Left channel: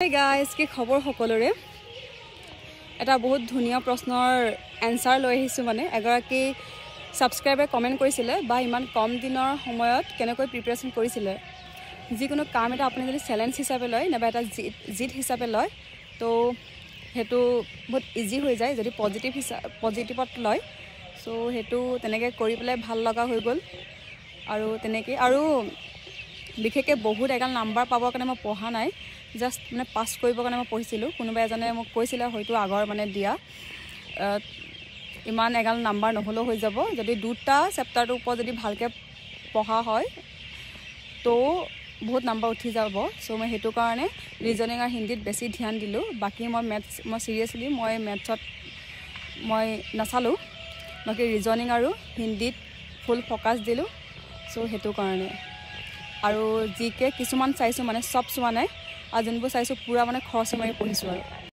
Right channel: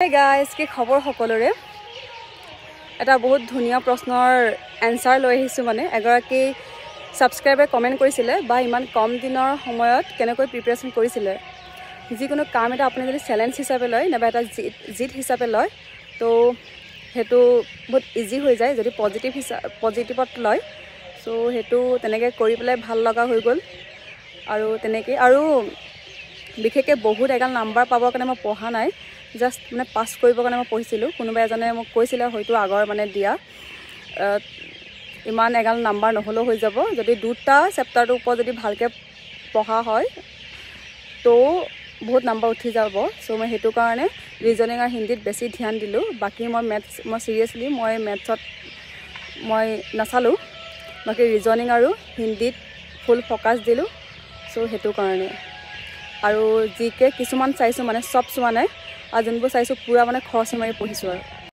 Hey guys, কি খবৰ সকলোৰে এটা বহুত ধুনিয়া প্ৰশ্নৰ এনসাৰ লৈ আহিছো মানে এগৰাকী সাবস্ক্ৰাইবাৰ কমেন্ট কৰিছিলে বা ইমান কম দিনৰ সময়ত কেনেকৈ প্ৰিপাৰেচন কৰিছিলে যিকোনো কাম এটা আপুনি যদি চ্যালেঞ্জ হিচাপে লয় নাবা এটা জিত হিচাপে লয় তো হেতু বহুত ইজি হৈ যায় যদি পজিটিভত লয় সো হেতু তেনেকৈ কৰি পেলাই ভাল লগা হৈ গল আৰু তেনেকৈ আৰু বিশেষকৈ বহুত এগাল নাম্বাৰ পাবৰ কাৰণে মই পঢ়া নাই just মানে পাস কৰিব কাৰণে মই পঢ়িছিলো কোনোবা এজনে মোক কৈছিল হয়তো আগৰ মানে দিয়া ইমান এগাল নাম্বাৰ নহলো হৈ যাব যদি দুটা চেপ্টাৰটো ওপৰ যদি ভালকে পঢ়া হয় তো বহুত নাম্বাৰ উঠি যাব সো মই হেতু কাৰণে ৰিজনিং আৰু হিন্দীত বেছি ধ্যান দিলো বাকি মই ম্যাথছ মই সিৰিয়াসলি মই ম্যাথছত মই নাচালো বাকি ৰিজনিং আৰু হিন্দীত ফুল ফোকাস দিলো সো হেতু কাৰণে আৰু জিকে কিছুমান চাইছো মানে সব চোৱা নাই আৰু যোনবোৰ চাইছো পুৰা মানে খৰচ মাৰি পঢ়িছো আৰু